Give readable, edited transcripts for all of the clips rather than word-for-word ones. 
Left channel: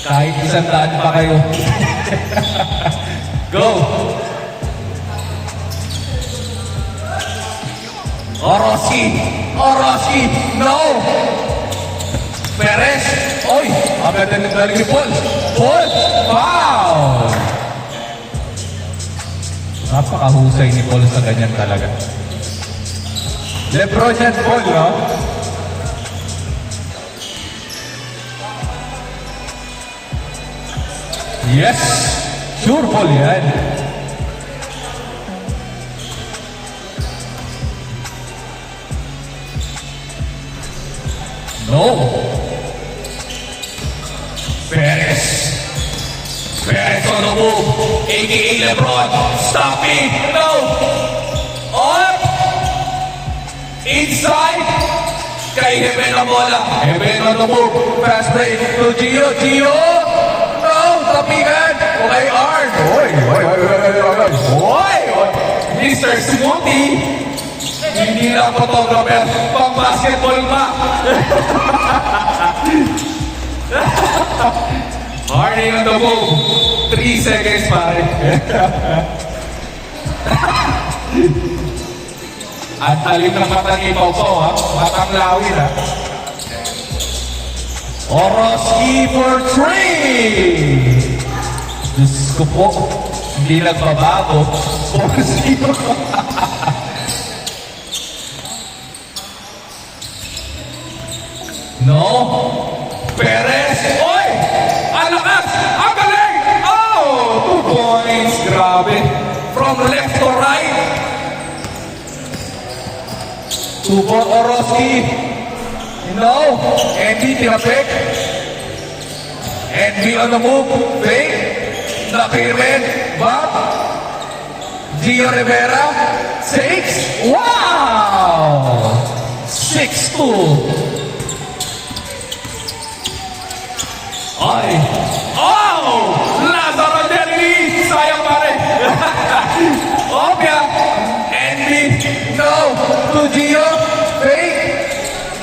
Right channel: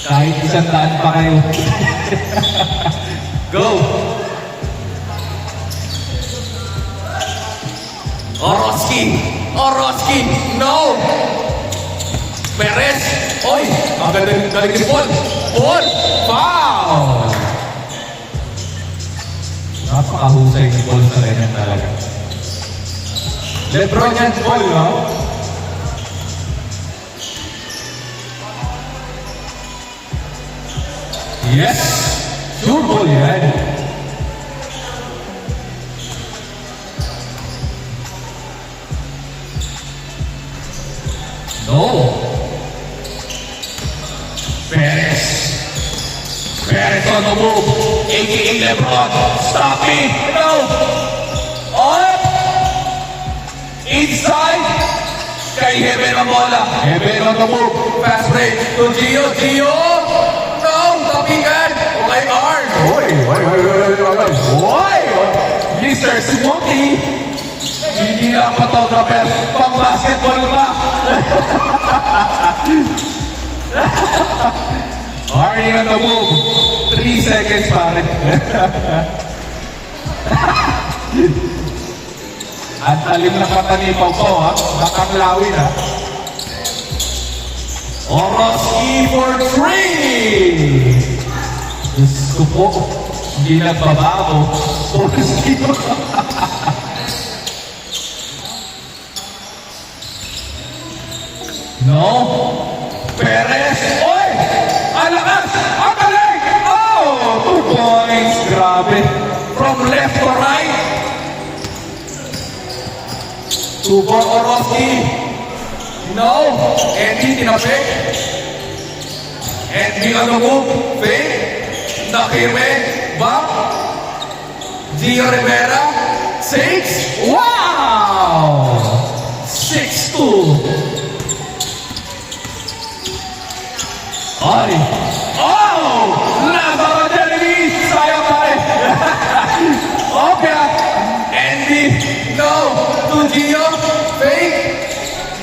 Kahit 100 pa kayo. Go! Orosky! Orosky! No! Perez! Oy! Abel galing Paul! Paul! Foul! Napakahusay ni Paul sa ganyan talaga. Lebron yan Paul, no? Yes! Sure Paul yan. No! Perez! Perez on the move! A.K.A. Lebron! Stopping! No! Up! Inside! Kay Heben ang bola! Heben on the move! Fast break to Gio! Gio! No! Tapingan! Okay, Arn! Hoy! Hoy! Mr. Simuti! Hindi lang photographer, pang basketball na. Warning on the move. 3 seconds pare. At talim ng matanipaw ko ha. Matanglawin ha. Orosky for 3. Diyos ko po. Hindi nagbabago. Orosky for No. Perez. Oy! Ang lakas! Ang galing! Oh! 2 points. Grabe. From left to right. 2 for Orosky. No. Andy tinasik. Andy on the move. Fake. Nakirmen. Back. Gio Rivera. 6. Wow! 6-2. Ay! Oh! Lazaro Jeremy! Sayang pa rin! Okay! Andy! No! To Gio! Fake!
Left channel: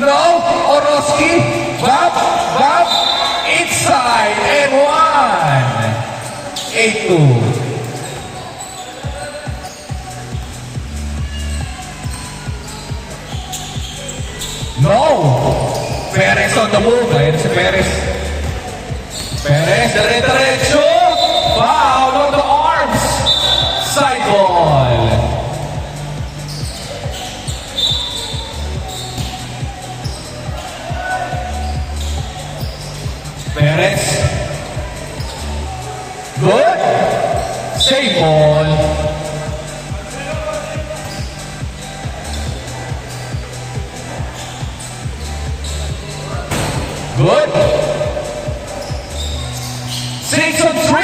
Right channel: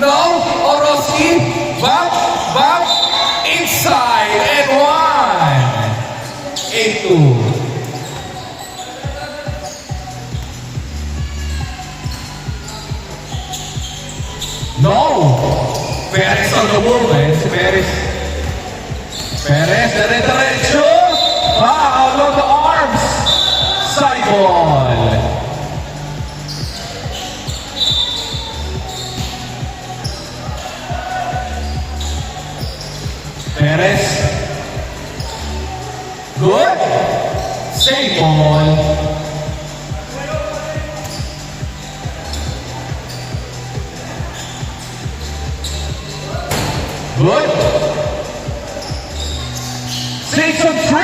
No! Orosky! Back! Back! Inside! And 1! 8-2. No! Perez on the move. Ayan si Perez. Perez, diretso! Foul on the arms! Side ball! Perez. Good! Save ball! Good! 6 on 3.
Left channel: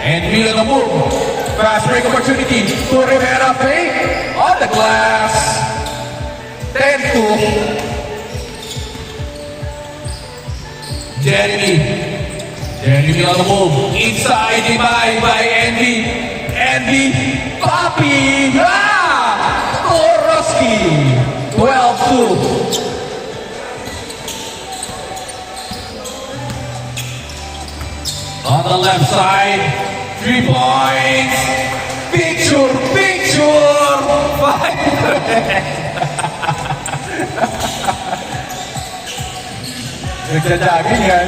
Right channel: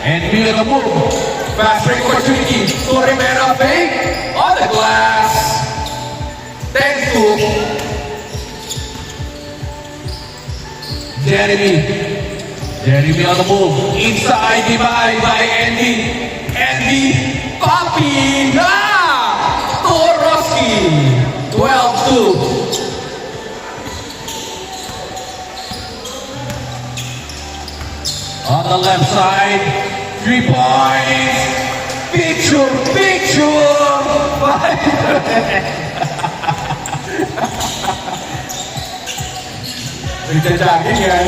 And he on the move. Fast break opportunity. To Rivera fake. On the glass. 10-2. Jeremy. Jeremy on the move. Inside divide by Andy. Andy. Poppy. Ah! Orosky. 12-2. On the left side, 3 points. Picture, picture. Nagja-jogging yan.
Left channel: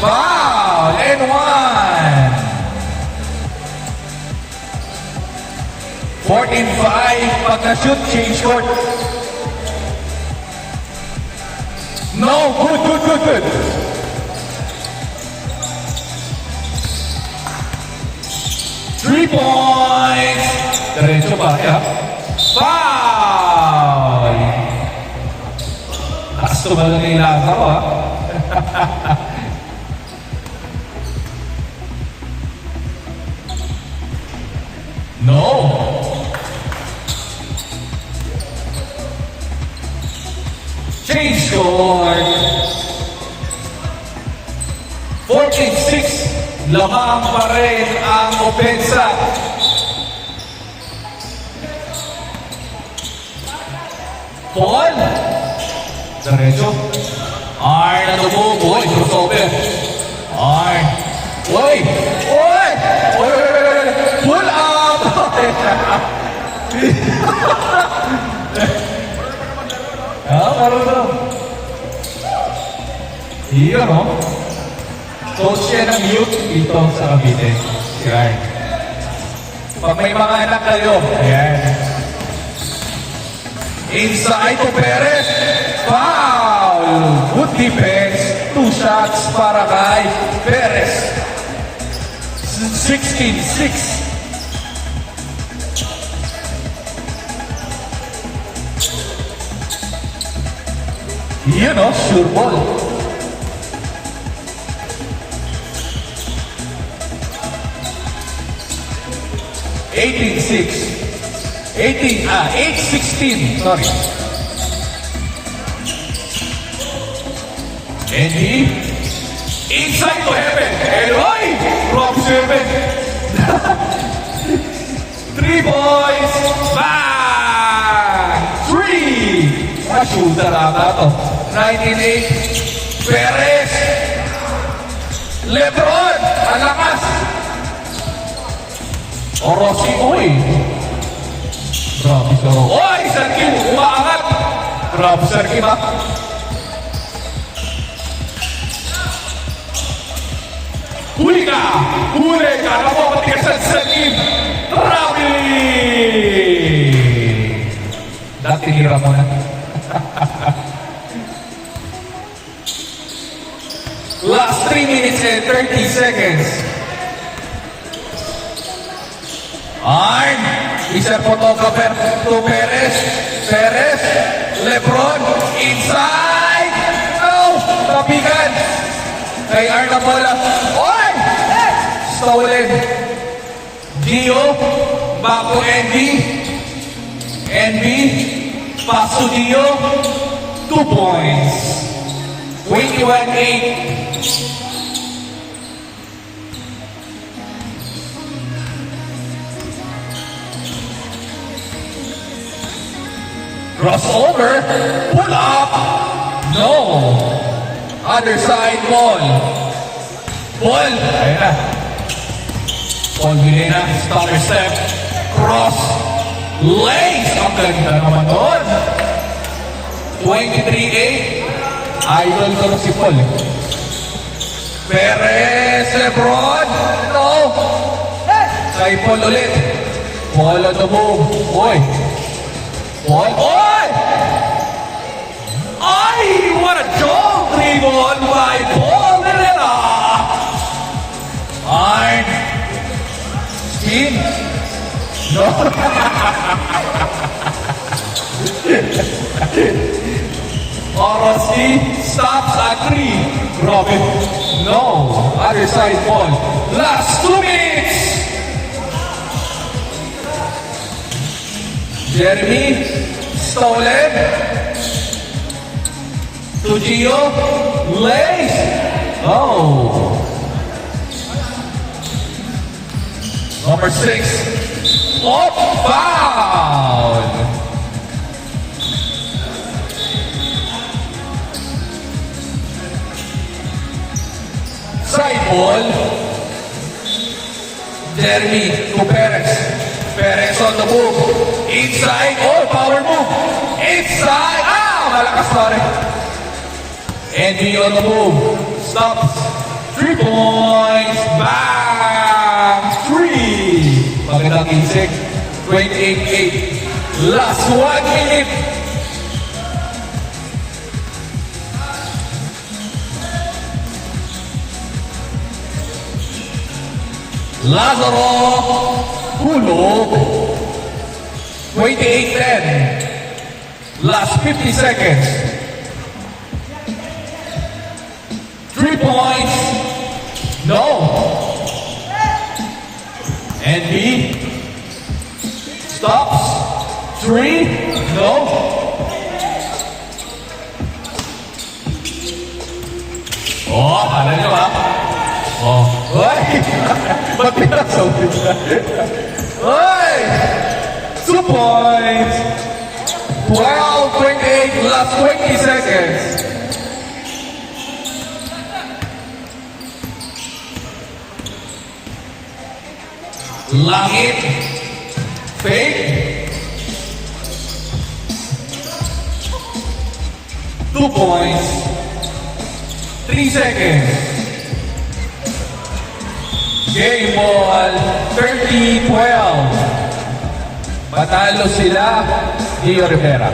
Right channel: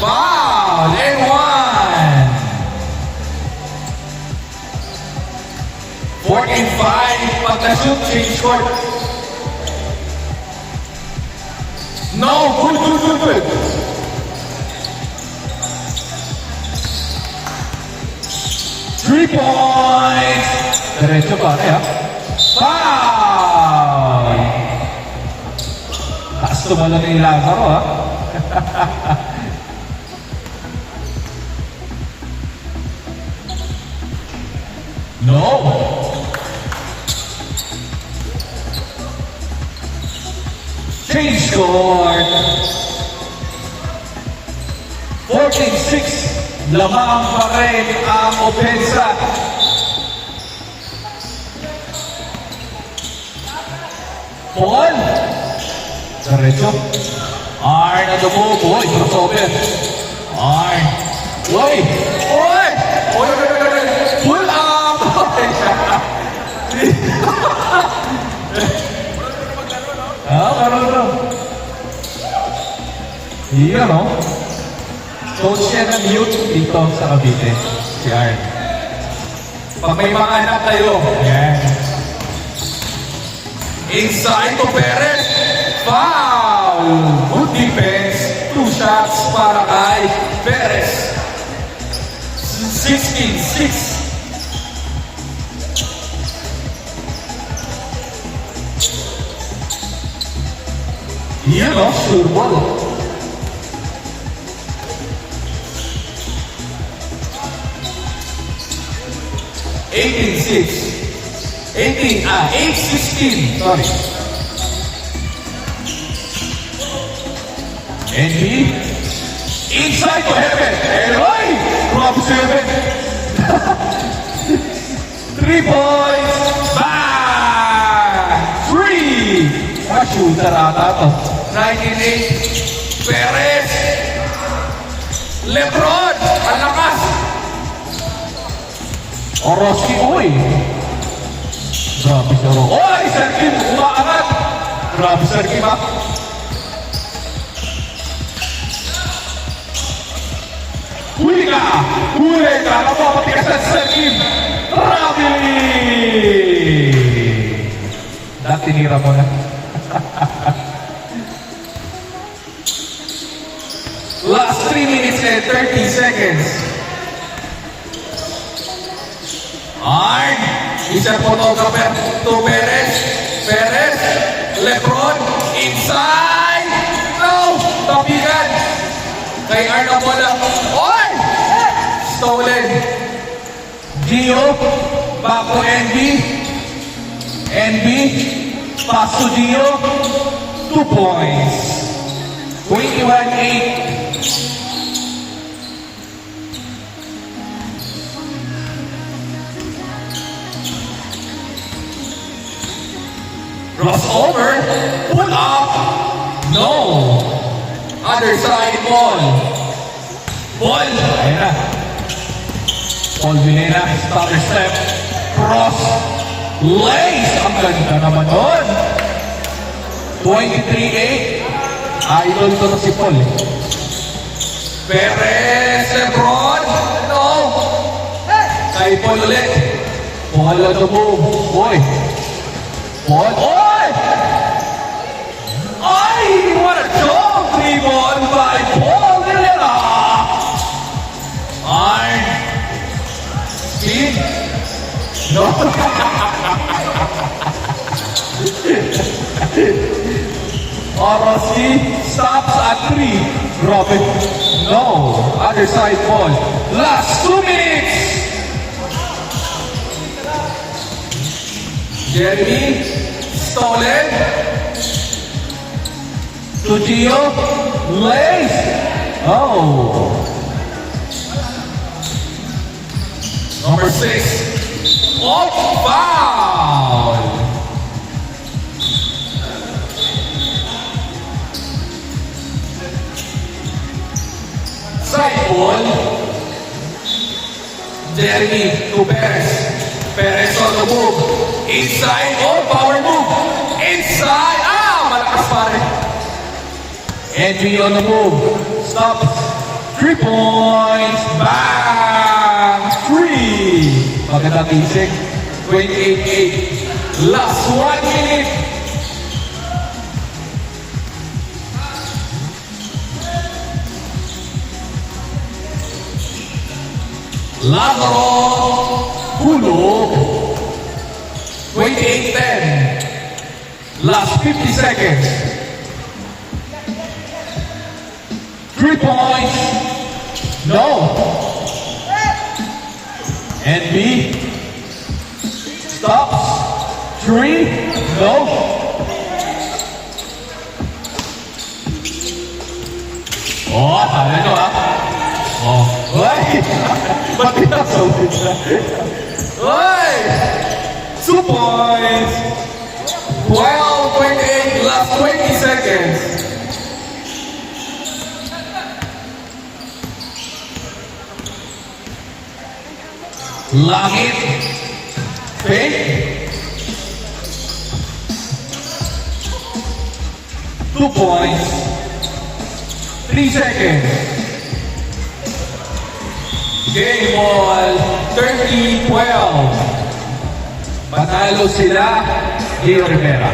Wow, and 1. 14-5. Pagka-shoot, change court. No, good. 3 points. Diretso pare ha. Foul. Taas tumalong yung Lazaro ha. No. Change score. 14-6. Lamang pa rin ang opensa. Paul. Diretso. Arn on the move. Uy, crossover. Arn. Uy! Uy! Uy! Pull up! Parang Iyan, no? Coach yan ng youth dito sa Cavite. Yan. Pag may mga anak kayo, ayan. Inside to Perez. Foul! Good defense. 2 shots para kay Perez. 16-6. Yan, no? Sure ball. 8-16, sorry. Andy, inside to heaven, Eloy, from 7. 3 points, bang! 3! Shooter ata to. 19-8, Perez, Lebron, alakas. Orosi, uy. Grabe si Orosi. Uy, Sergio, umaangat. Grabe Sergio, ha? Huli ka! Huli ka! Napapatigas sa Sergio. Grabe! Dati nira mo na. Last 3 minutes and 30 seconds. Arn, isa photographer to Perez. Perez, Lebron, inside. No, pabigan. Kay Arn na bola. Oy! Stolen. Dio, back to NB. NB, pass to Dio. 2 points. 21-8. Crossover, pull up, no. Other side, ball. Ball, ayan na. Paul Vilena, stutter step, cross, lace. Ang ganda naman doon. 23-8. Idol ko na si Paul. Perez, Lebron, no. Kay Paul ulit. Paul on the move. Boy. Paul, oy! Ay, what a dog! 3-ball by Paul Vilena. Arn. Speed. No. Orosi stops at 3. Robin, no. Other side ball. Last 2 minutes. Jeremy, stolen. To Gio, lace. Oh. Number 6. Oh, foul. Side ball. Jeremy to Perez. Perez on the move. Inside. Oh, power move. Inside. Malakas pare. Angie on the move. Stops. 3 points. Bang! 3. Magandang insik. 28-8. Last 1 minute. Lazaro, hulog. 28-10. Last 50 seconds. 3 points. No. And B. Stops. 3. No. Oh, tama nyo ha. Oh. Hoy! Ba't pinasawin na? Hoy! 2 points! 12-28 last 20 seconds. Langit. Fake. 2 points. 3 seconds. Game ball. 30-12. Patalo sila. Dio Rivera.